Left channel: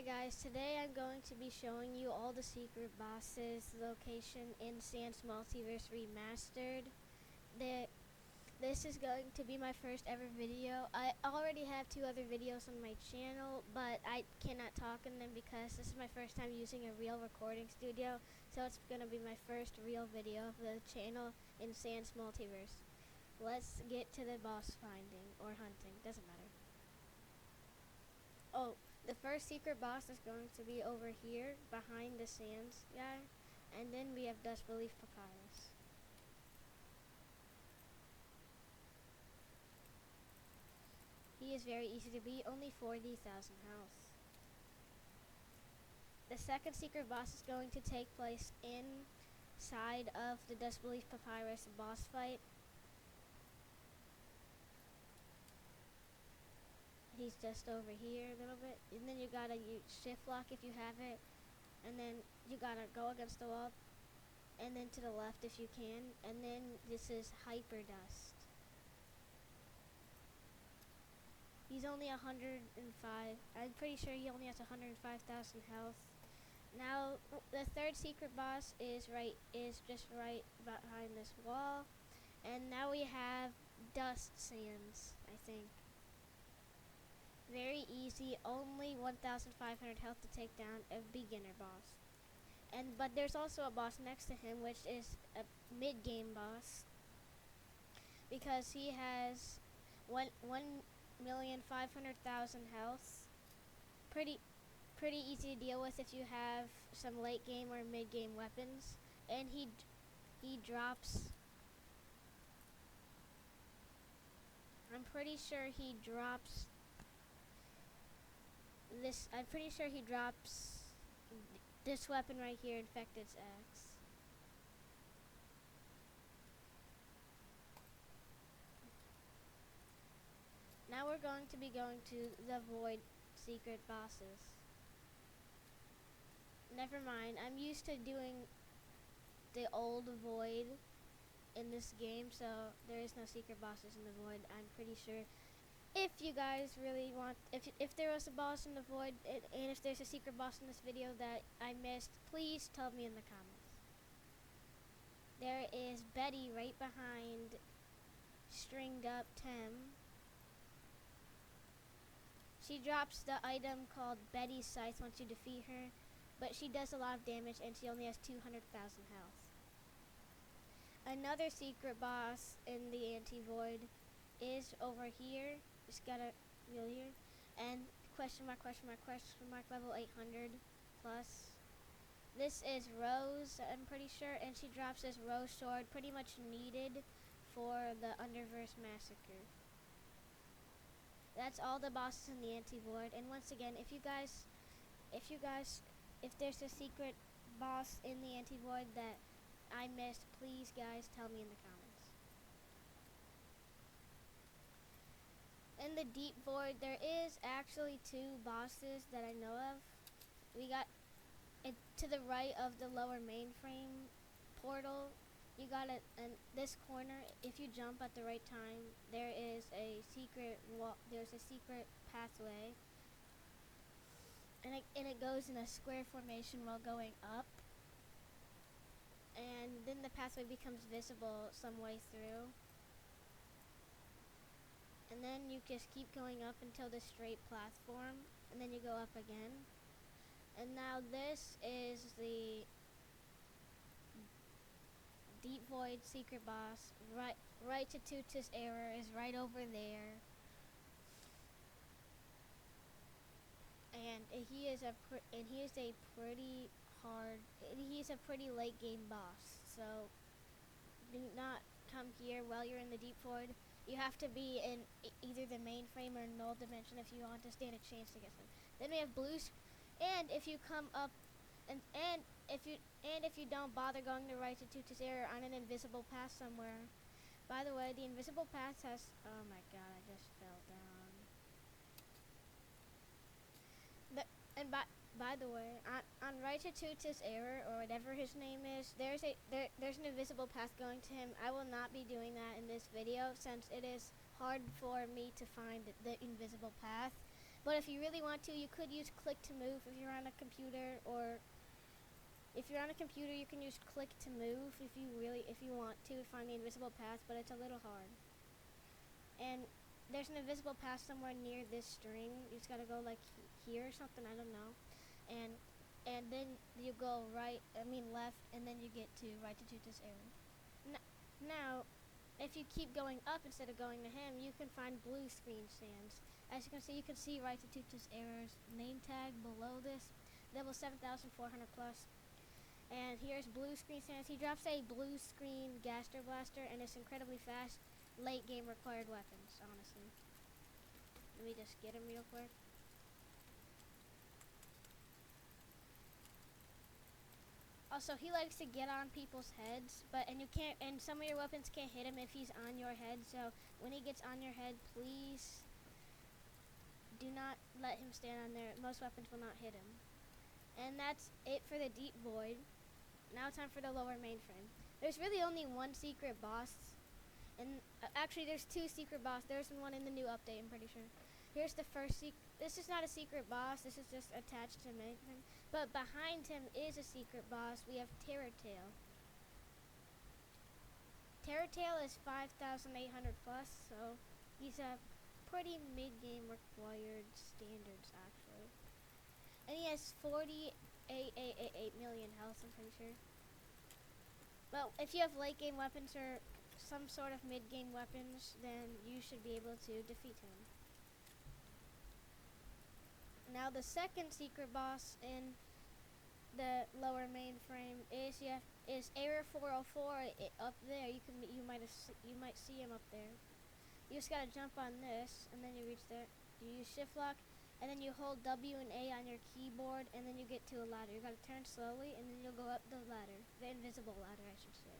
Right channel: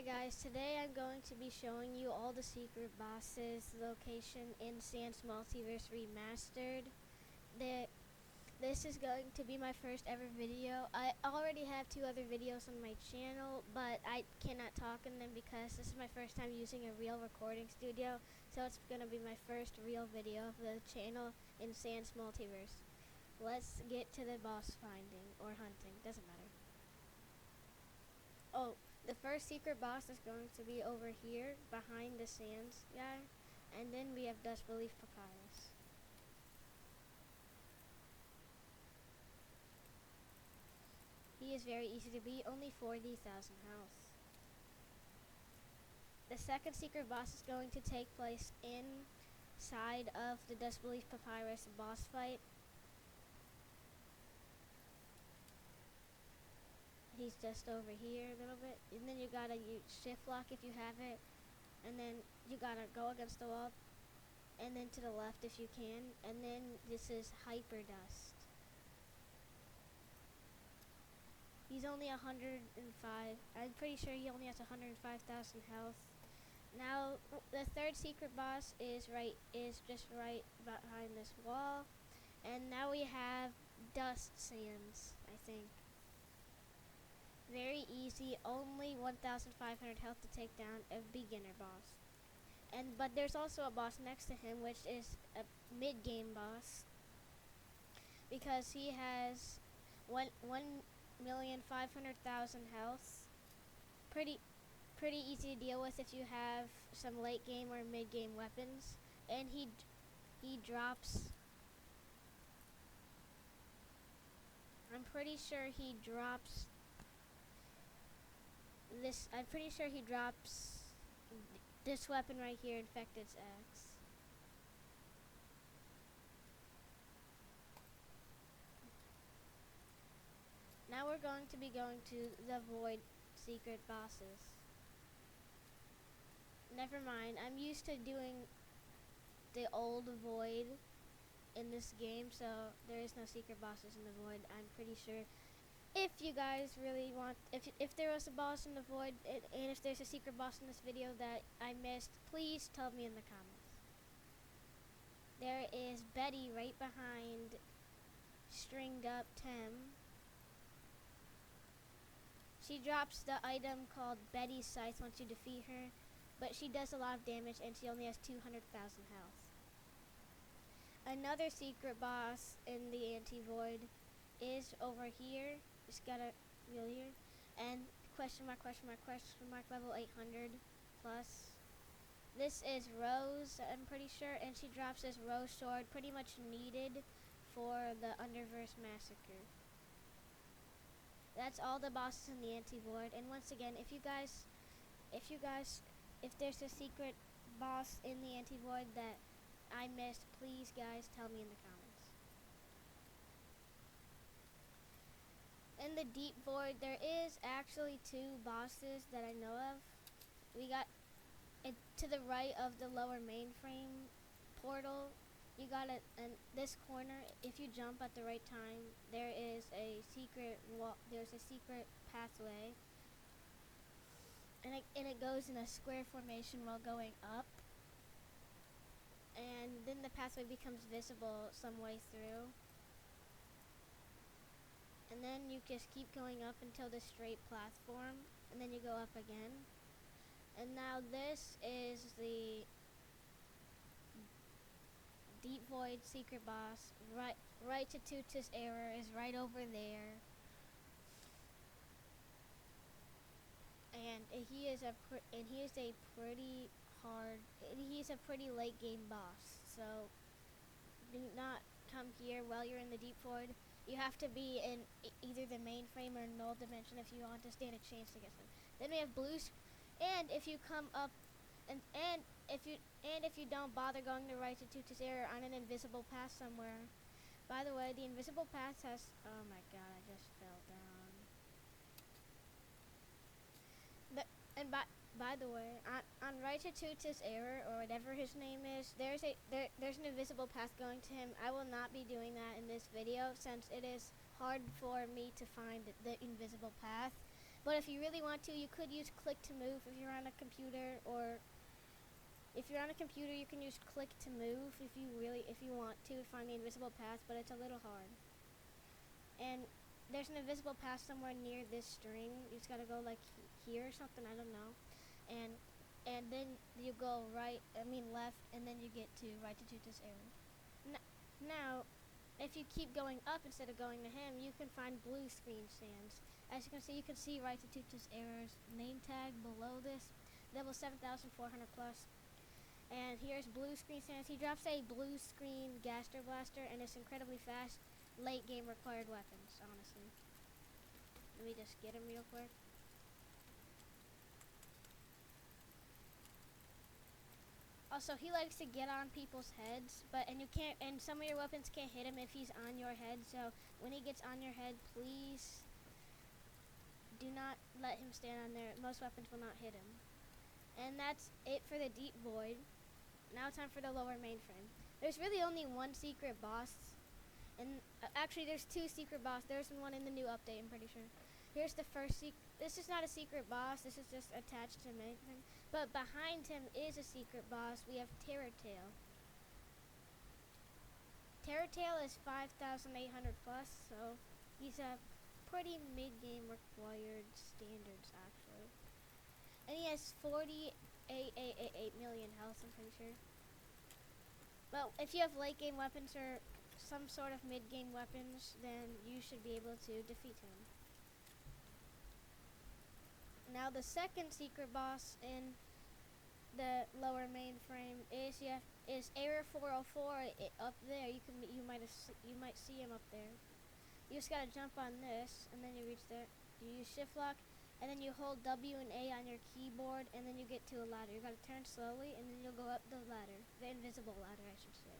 Hi guys, today I'm going to be showing you all the secret bosses location in Sans Multiverse Remastered. This is going to be my first ever video. I already have 2 other videos on my channel, but I cannot talk in them because this is my first time using a real recording studio, so it's going to be my first real video of the channel in Sans Multiverse. Let's get to the boss finding or hunting, doesn't matter. Oh, the first secret boss is going to be over here behind the sands guy, and then we have Dust Belief Papyrus. He is very easy to beat, only 40,000 health. The second secret boss is going to take place inside of the Dust Belief Papyrus boss fight. He's just over here a little bit, and then you gotta use shift lock if you have it, and then you gotta go against the wall, and then to the left if you can, and then this is Hyper Dust. He's only 105. I'm pretty sure he only has 105,000 health. Now the third secret boss is just right behind this wall, and now we have Dust Sands, I think. Very easy, only 1,500 health to take down a beginner boss. But there's also a boss next to him, which is a mid-game boss, because he has 1,500,000 health. Pretty easy to deal with if you have some late game or mid game weapons, and he drops. I'm pretty sure he drops this. I'm pretty sure he drops this weapon right here, Infected's Axe. Now we're going to be going to the Void secret bosses. Never mind, I'm used to doing the old Void in this game, so there is no secret bosses in the Void. I'm pretty sure if you guys really want, if there was a boss in the Void, and if there's a secret boss in this video that I missed, please tell me in the comments. There is Betty right behind Stringed Up Tem. She drops the item called Betty's Scythe once you defeat her, but she does a lot of damage and she only has 200,000 health. Another secret boss in the anti-void is over here. Just gotta go here. And question mark level 800 plus. This is Rose, I'm pretty sure, and she drops this Rose sword, pretty much needed for the Underverse Massacre. That's all the bosses in the anti-void. And once again, if there's a secret boss in the anti-void that I missed, please guys tell me in the comments. In the deep void, there is actually 2 bosses that I know of. We got it to the right of the lower mainframe portal. You got it in this corner. If you jump at the right time, there is a secret wall. There's a secret pathway, and it goes in a square formation while going up. And then the pathway becomes visible some way through. And then you just keep going up until the straight platform, and then you go up again. And now this is the Deep Void secret boss. Right to Tutus Error is right over there. And he is a pretty late game boss. So do not come here while you're in the deep void. You have to be in either the mainframe or null dimension if you want to stand a chance to get them. Then we have blues, and if you come up, and if you don't bother going to right to Tutus Error on an invisible path somewhere. By the way, the invisible path has. Oh my god, I just fell down. By the way, on right to Tutus Error, or whatever his name is, there's an invisible path going to him. I will not be doing that in this video since it is hard for me to find the invisible path. But if you really want to, you could use click to move if you're on a computer, or if you're on a computer, you can use click to move if you want to find the invisible path, but it's a little hard. And there's an invisible path somewhere near this string. You just gotta go like here or something, I don't know. And then you go left, and then you get to right to Tuta's error. Now, if you keep going up instead of going to him, you can find blue screen sands. As you can see right to Tuta's errors name tag below this, level 7,400 plus. And here's blue screen sands. He drops a blue screen Gaster Blaster, and it's incredibly fast. Late game required weapons, honestly. Let me just get him real quick. Also, he likes to get on people's heads, and some of your weapons can't hit him if he's on your head. So when he gets on your head, please do not let him stand on there. Most weapons will not hit him. And that's it for the Deep Void. Now time for the lower mainframe. There's really only one secret boss, and actually there's two secret bosses. There's one in the new update, I'm pretty sure. Here's the first this is not a secret boss, this is just attached to mainframe. But behind him is a secret boss. We have Terror Tail. Terror Tail is 5,800 plus, so he's a pretty mid-game required standards, actually. And he has 48 million health, I'm pretty sure. But if you have late game weapons or some sort of mid game weapons, then you should be able to defeat him. Now the second secret boss in the lower mainframe is Error 404 up there. You might see him up there. You just gotta jump on this, and then you reach there. You use shift lock, and then you hold W and A on your keyboard, and then you get to a ladder. You gotta turn slowly, and then you'll go up the ladder. The invisible ladder, I should say.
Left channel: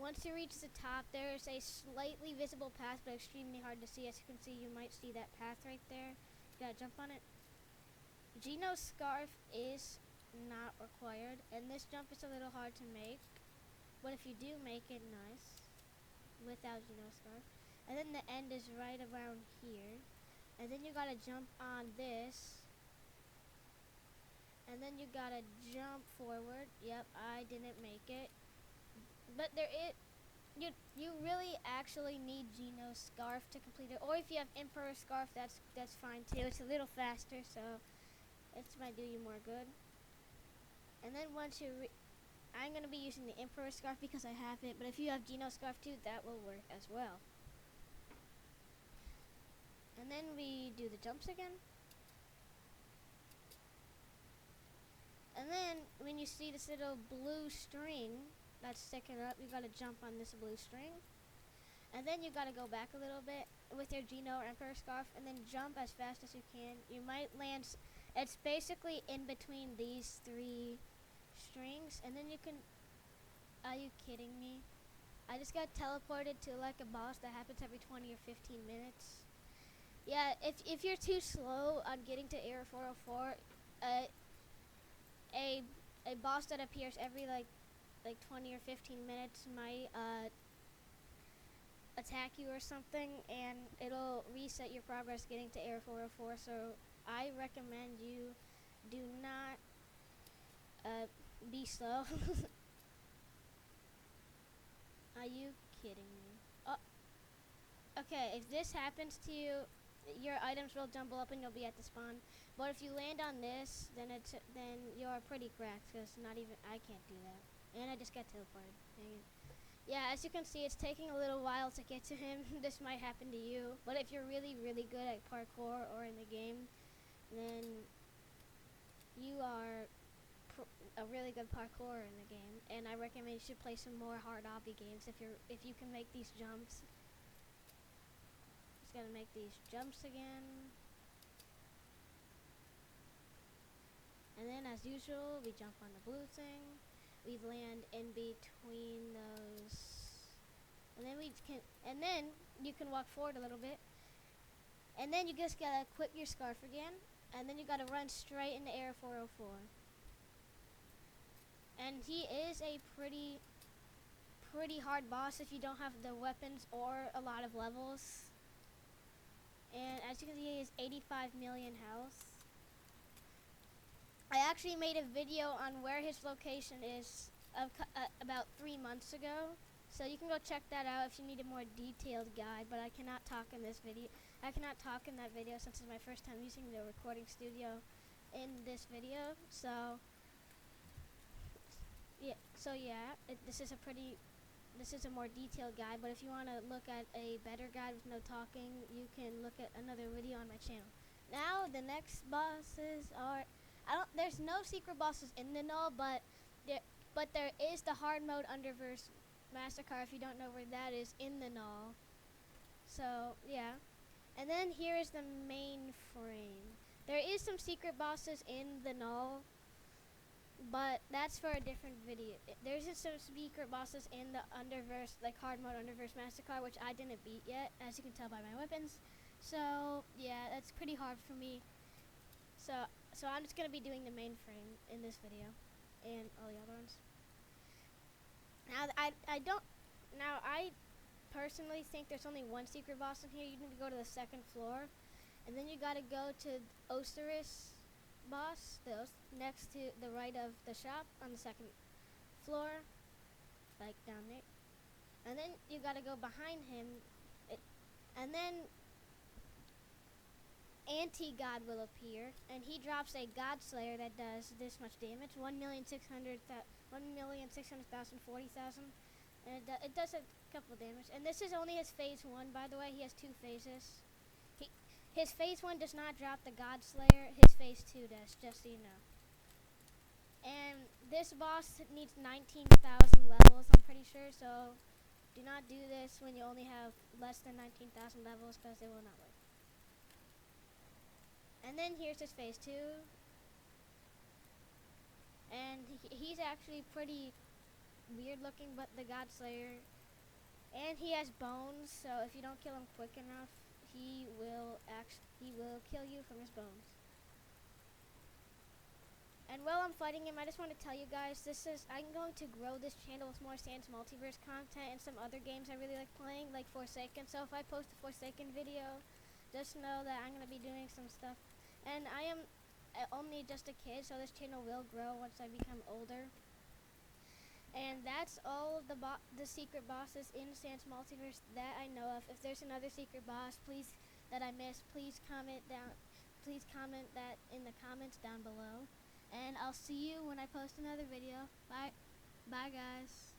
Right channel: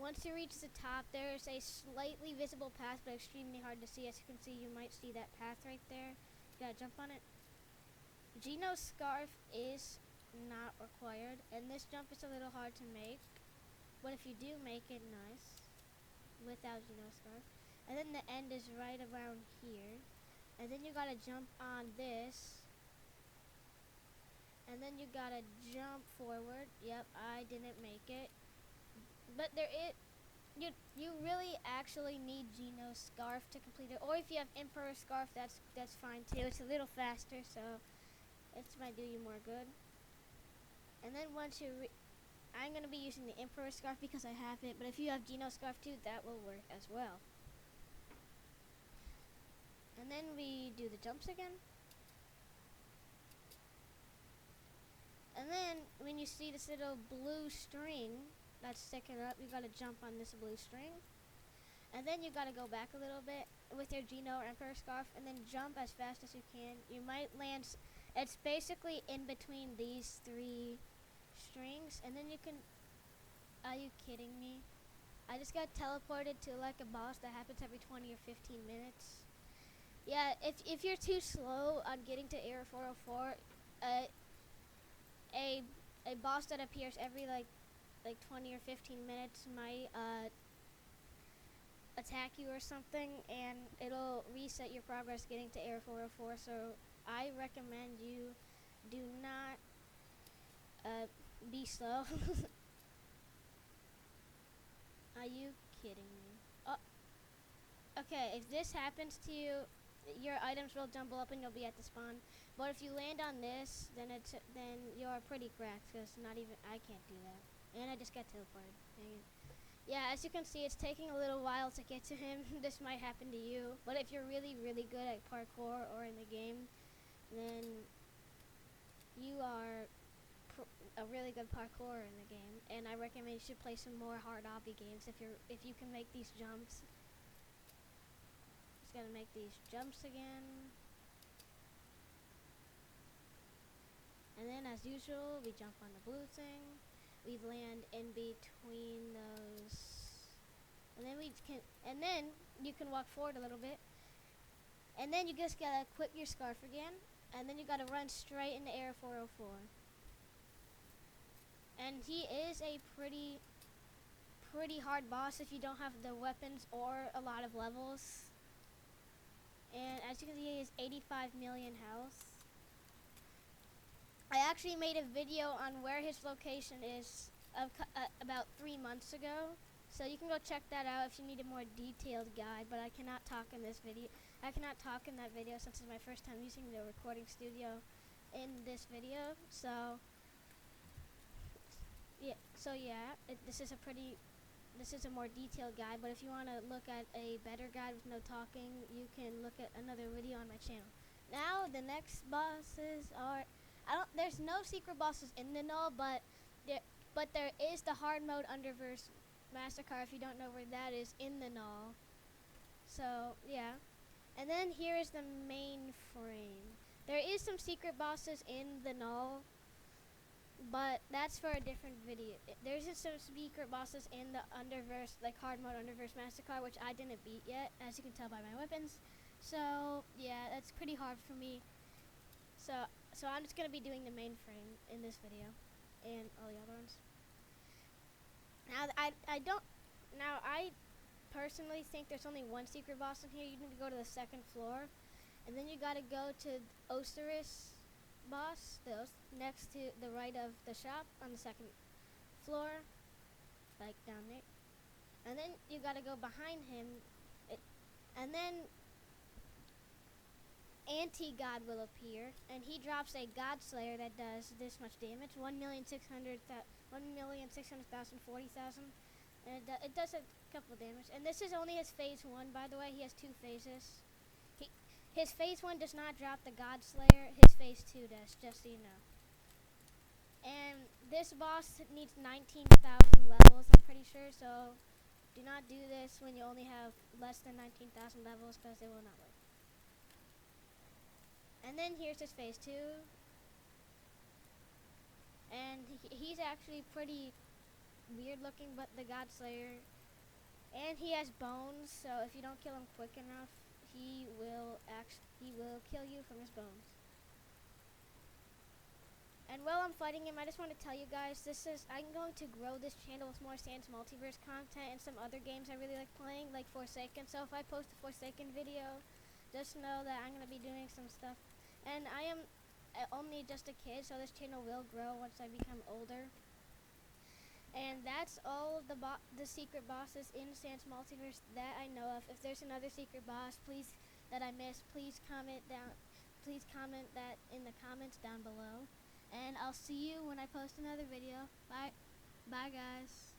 Once you reach the top, there is a slightly visible path, but extremely hard to see. As you can see, you might see that path right there. You gotta jump on it. Geno's Scarf is not required, and this jump is a little hard to make. But if you do make it, nice. Without Geno's Scarf. And then the end is right around here. And then you gotta jump on this. And then you gotta jump forward. Yep, I didn't make it. But you really actually need Geno's Scarf to complete it. Or if you have Emperor's Scarf, that's fine too. It's a little faster, so it might do you more good. And then once you I'm gonna be using the Emperor's Scarf because I have it, but if you have Geno's Scarf too, that will work as well. And then we do the jumps again. And then when you see this little blue string that's sticking up, you gotta jump on this blue string. And then you gotta go back a little bit with your Geno or Emperor Scarf, and then jump as fast as you can. You might land, it's basically in between these three strings, and then you can, are you kidding me? I just got teleported to like a boss that happens every 20 or 15 minutes. Yeah, if you're too slow on getting to Error 404, a boss that appears every like 20 or 15 minutes might attack you or something, and it'll reset your progress getting to Error 404. So I recommend you do not be slow. Are you kidding me? Oh, okay, if this happens to you, your items will jumble up and you'll be at the spawn. But if you land on this, then you're pretty cracked, because I can't do that. And I just got teleported. Dang it. Yeah, as you can see, it's taking a little while to get to him. This might happen to you. But if you're really, really good at parkour or in the game, then you are a really good parkourer in the game. And I recommend you should play some more hard obby games if you can make these jumps. Just gotta make these jumps again. And then as usual, we jump on the blue thing. We land in between those. And then you can walk forward a little bit. And then you just gotta equip your scarf again. And then you gotta run straight into Error 404. And he is a pretty hard boss if you don't have the weapons or a lot of levels. And as you can see, he has 85 million health. I actually made a video on where his location is about 3 months ago. So you can go check that out if you need a more detailed guide, but I cannot talk in this video. I cannot talk in that video since it's my first time using the recording studio in this video. So this is a more detailed guide, but if you want to look at a better guide with no talking, you can look at another video on my channel. Now the next bosses are there's no secret bosses in the null, but there is the hard mode Underverse Massacre, if you don't know where that is, in the null. So yeah. And then here is the main frame. There is some secret bosses in the null, but that's for a different video. There's just some secret bosses in the Underverse, like hard mode Underverse Massacre, which I didn't beat yet, as you can tell by my weapons. So yeah, that's pretty hard for me. So I'm just gonna be doing the main frame in this video, and all the other ones. Now I personally think there's only one secret boss in here. You need to go to the second floor, and then you gotta go to Osiris boss, next to the right of the shop on the second floor, like down there. And then you gotta go behind him, and then Anti-God will appear, and he drops a God Slayer that does this much damage, 1,600,000, and it does a couple damage. And this is only his phase 1, by the way. He has 2 phases. His phase 1 does not drop the God Slayer. His phase 2 does, just so you know. And this boss needs 19,000 levels, I'm pretty sure, so do not do this when you only have less than 19,000 levels, because it will not work. And then here's his phase 2. And he's actually pretty weird looking, but the God Slayer. And he has bones, so if you don't kill him quick enough, he will kill you from his bones. And while I'm fighting him, I just want to tell you guys, I'm going to grow this channel with more Sans Multiverse content and some other games I really like playing, like Forsaken. So if I post a Forsaken video, just know that I'm going to be doing some stuff. And I am only just a kid, so this channel will grow once I become older. And that's all the secret bosses in Sans Multiverse that I know of. If there's another secret boss that I missed, please comment that in the comments down below. And I'll see you when I post another video. Bye. Bye, guys.